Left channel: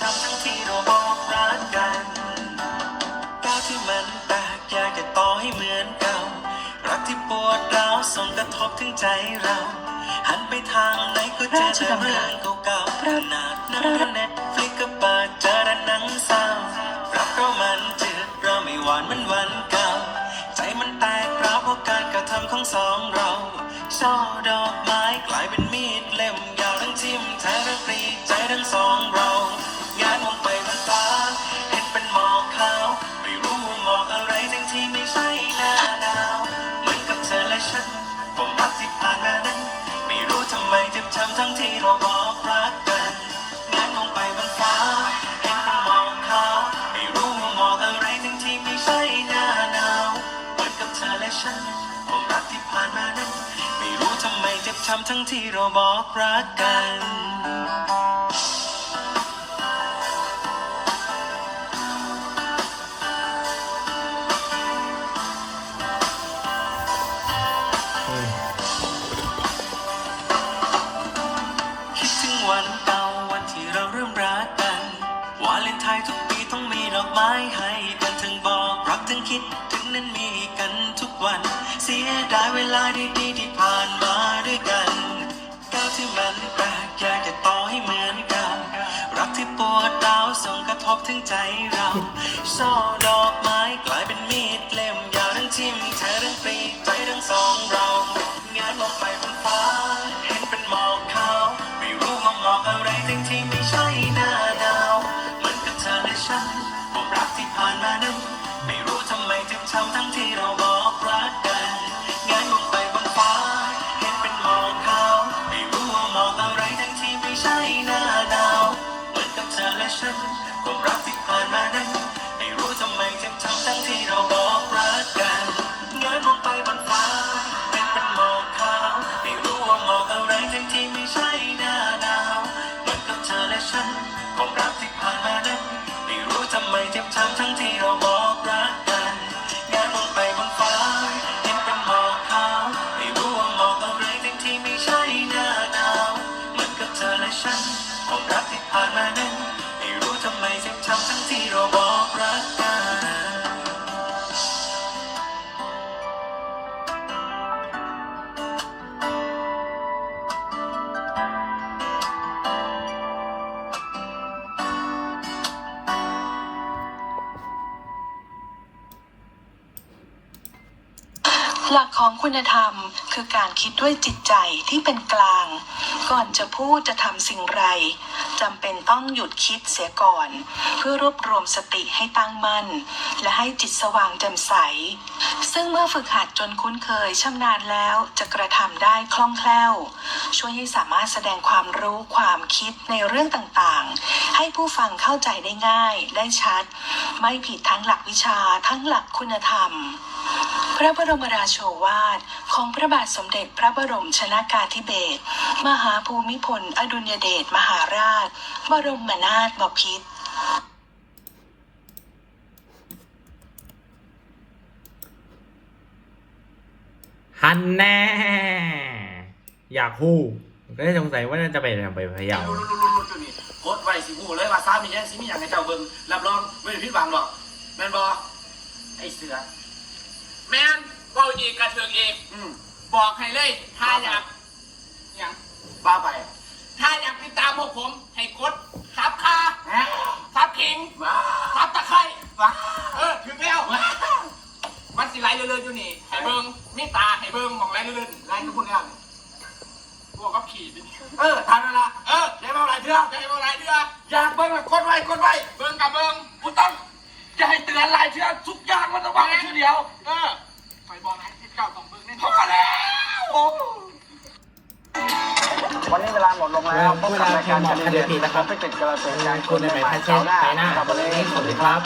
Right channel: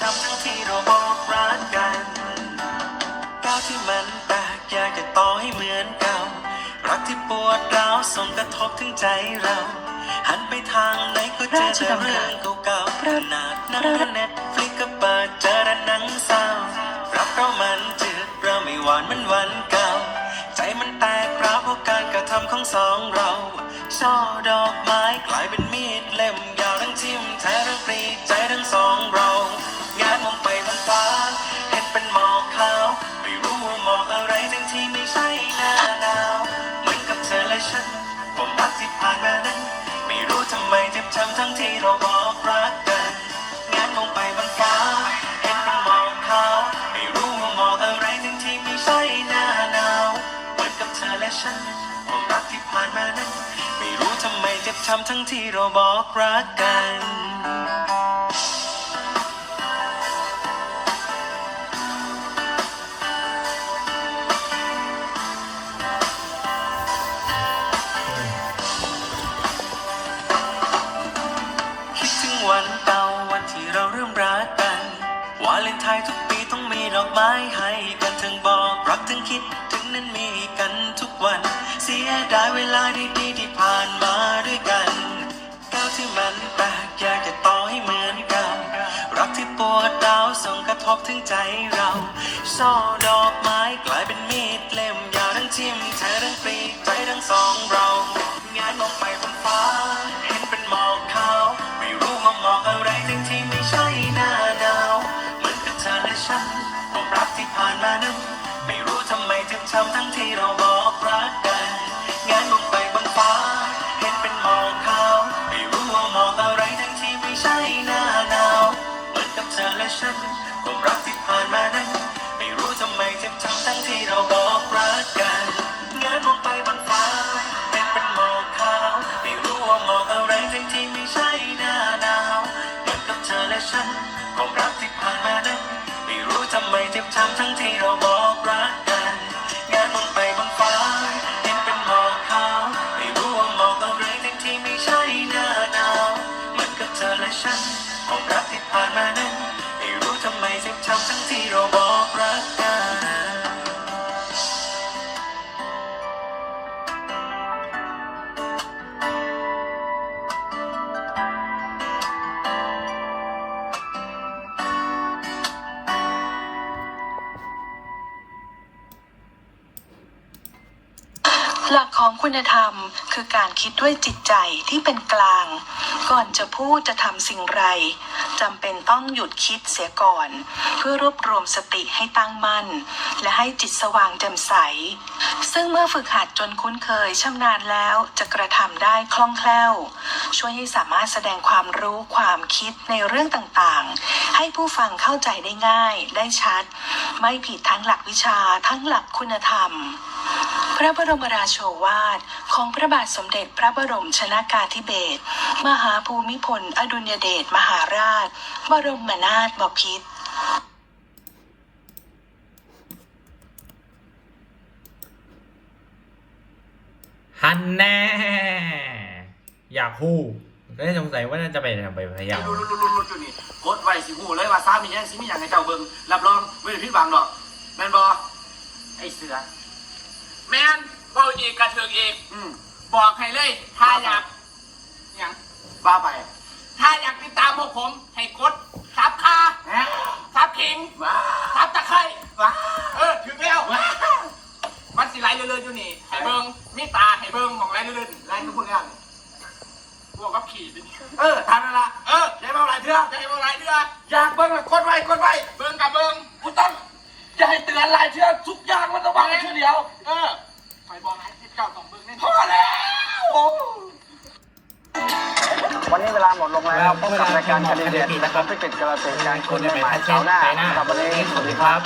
ทำทั้งที่เราบอกรักกันก้าวที่มันแตกอยากจะต่อให้เหมือนเก่ารักที่ปวดร้าวส่งกระทบถึงใจเรา หันไปทางไหนก็เจอแต่เรื่องเก่าๆขนาดหนังเน็ตฟลิกก็เปิดเจอแต่หนังเศร้ารักเรามันจืดเราไม่หวานเหมือนวันเก่า ใจมันแตกร้าวเพราะการกระทำของสองเราช่อดอกไม้กลายเป็นมีดเล่มยาวทั้งทิ่มแทงทั้งปรีใจทั้งสองเรา รักที่ผ่านมานั้นไม่รู้ทำไมเจ็บช้ำทั้งที่เราบอกรักกันคิดถึงวันเก่าวันที่เราเริ่มรักกันวาเลนไทน์ทุกปีต้องมีดอกไม้ให้กัน รักทั้งคิดถึงนั้นมีกันทุกวัน เสียดายเวลาดีๆที่ผ่านมาด้วยกันก้าวที่มันแปลกอยากจะต่อให้เหมือนเก่ารักที่ปวดร้าวส่งกระทบถึงใจเราช่อดอกไม้กลายเป็นมีดเล่มยาวทั้งทิ่มเธอทั้งปรีใจทั้งสองเรางานมองไปบน ฉันความรักที่ผ่านมานั้น ไม่รู้ทำไมเจ็บช้ำทั้งที่เราบอกรักกันเงยมองไปบนฟ้าเห็นเป็นหมอกขาวไม่รู้ว่าหมอกอะไรทั้งที่ไม่ใช่หน้าหนาวเหมือนกับเธอและฉันความรักที่ผ่านมานั้น ไม่รู้ทำไมเจ็บช้ำทั้งที่ หลักของคุณธรรมคือการคิดด้วยจิตใจที่เป็นกลาง ก่อนจะพูดจะทำสิ่งไรจำเป็นต้องหยุดคิดเสียก่อน เพื่อรวบรวมสติให้ตั้งมั่น และให้จิตสว่างแจ่มใส ซึ่งเมื่อฝึกหัดจนคุ้นเคยชำนาญแล้วจะกระทำได้คล่องแคล่ว ช่วยให้สามารถแสดงความรู้ความคิดในเรื่องต่างๆ ให้ผู้ฟังเข้าใจได้ง่ายได้ชัด ไม่ผิดทั้งหลักวิชาทั้งหลักคุณธรรม พระบรมราโชวาท ของพระบาทสมเด็จพระบรมชนากาธิเบศรมหาภูมิพล อดุลยเดชมหาราช บรมนาถบพิตรฮันแน่ อยากฮู้ก็เลยสงสัยว่าน่าจะไปทำไปพยายามรุนรุนรุนรุนอยู่นี่โคตรไวสิหูเลยว่าซ้ามีอย่างสิมีอย่างในเจ้าเบิ่งรับรองไม่ได้ผิดหวังหรอกแม่นบอไอเสือ แมนเบาอีกกระเทืองอีกอืมบอกให้เลย ถ้าอยากอย่างบ้าไปถ้าอยากติดตามพวกผม ให้กดซับค่าแฮะซับคิงว้าซับตะไคร้ว้าเออถึงแล้วมันสิไรเรื่อยๆอยู่นี่ให้เบิ้งมีตาให้เบิ้งของไรเรื่อยๆไรทุกคนเนี่ยพวกกับขี่สิเออทานนั่นละเออได้มาหลายเทื่อจะให้เบิ้งไรเรื่อยอยากเบิ่งเลยกดไว้กดไว้ เบิ้งกับเบิ้ง กูต้อง จะให้เตือนหลายเทื่อทุกอย่างมันต้องมาในทีเดียว เออไปบอกให้เจ้าต้องเบิ้งแน่พอแล้ว วันนี้เวลาหมดลงแล้วเวลาพิมพ์หมอกคดีนะครับไม่เกิดกระแสการคุณจะไปพัชเช่ไชน่าวันนี้สวัสดีครับ